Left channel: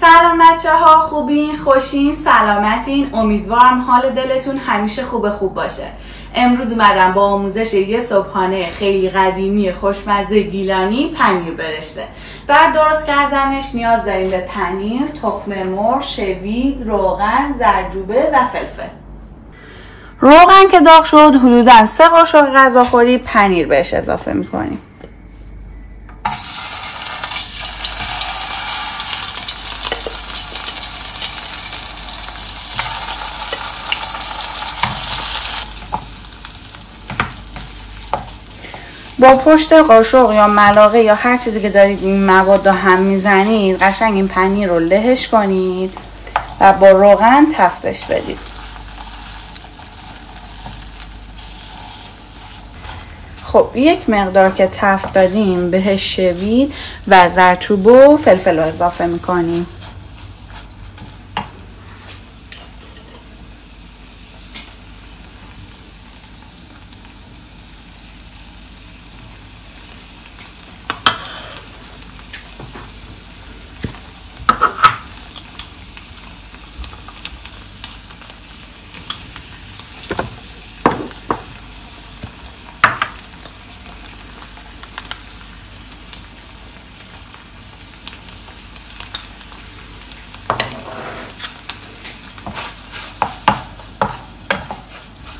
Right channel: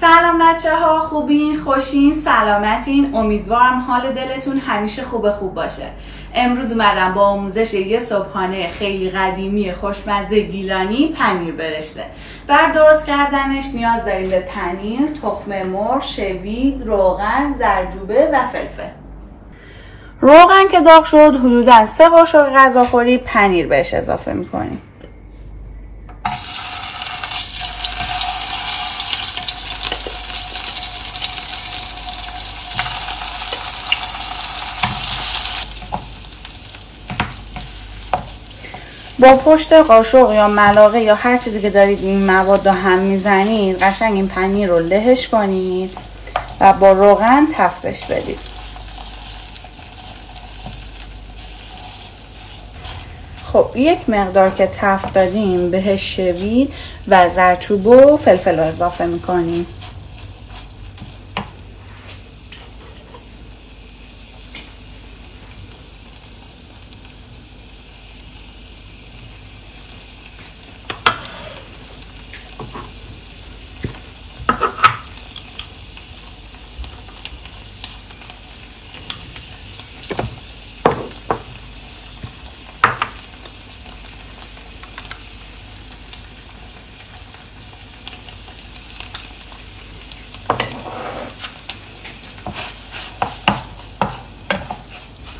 سلام بچه ها، خوبین؟ خوشین؟ سلامتین؟ امیدوارم حال دلتون همیشه خوب باشه. امروز اومدم با آموزش یه صبحانه خیلی قدیمی خوشمزه گیلانی پنیر برشته. برای درست کردنش نیاز داریم به پنیر، تخم مرغ، شوید، روغن، زردچوبه و فلفل. روغن که داغ شد حدوداً 3 قاشق غذاخوری پنیر بهش اضافه میکنیم. با پشت قاشق یا ملاقه یا هر چیزی که دارید این مواد رو هم میزنید قشنگ این پنیر رو لهش کنید و با روغن تفتش بدید. خب یک مقدار که تفت دادیم بهش شوید و زردچوبه و فلفل رو اضافه میکنیم.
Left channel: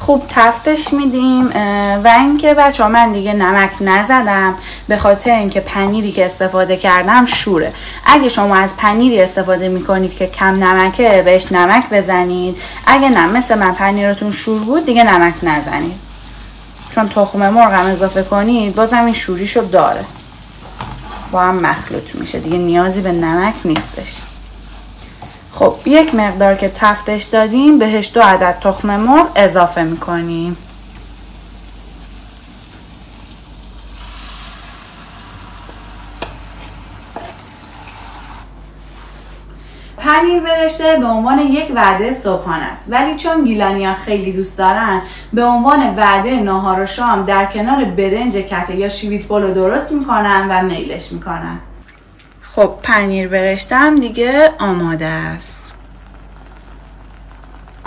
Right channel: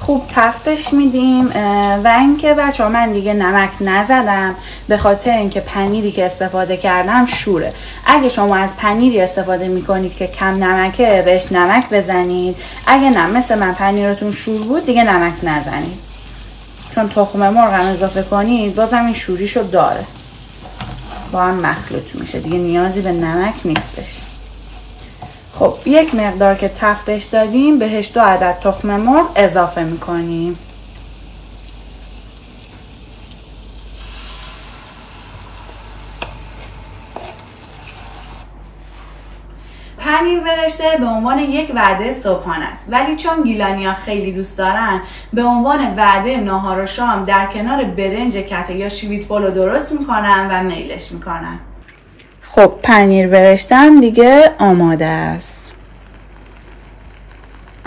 خوب تفتش میدیم و اینکه بچه ها من دیگه نمک نزدم به خاطر اینکه پنیری که استفاده کردم شوره. اگه شما از پنیری استفاده میکنید که کم نمکه بهش نمک بزنید، اگه نه مثل من پنیرتون شور بود دیگه نمک نزنید، چون تخم مرغ هم اضافه کنید بازم این شوریشو داره، با هم مخلوط میشه دیگه، نیازی به نمک نیستش. خب یک مقدار که تفتش دادیم بهش 2 عدد تخم مرغ اضافه میکنیم. پنیر برشته به عنوان یک وعده صبحانه است، ولی چون گیلانی‌ها خیلی دوست دارن به عنوان وعده ناهار و شام در کنار برنج کته یا شوید پلو درست میکنن و میلش میکنن. خب پنیر برشتم دیگه آماده است.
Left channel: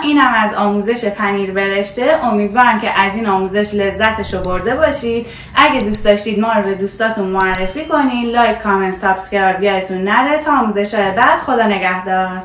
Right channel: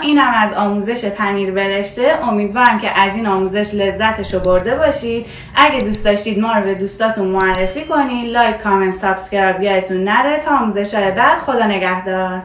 اینم از آموزش پنیر برشته. امیدوارم که از این آموزش لذتشو برده باشید. اگه دوست داشتید ما رو به دوستاتون معرفی کنید. لایک، کامنت، سابسکرایب یادتون نره. تا آموزش‌های بعد، خدا نگهدار.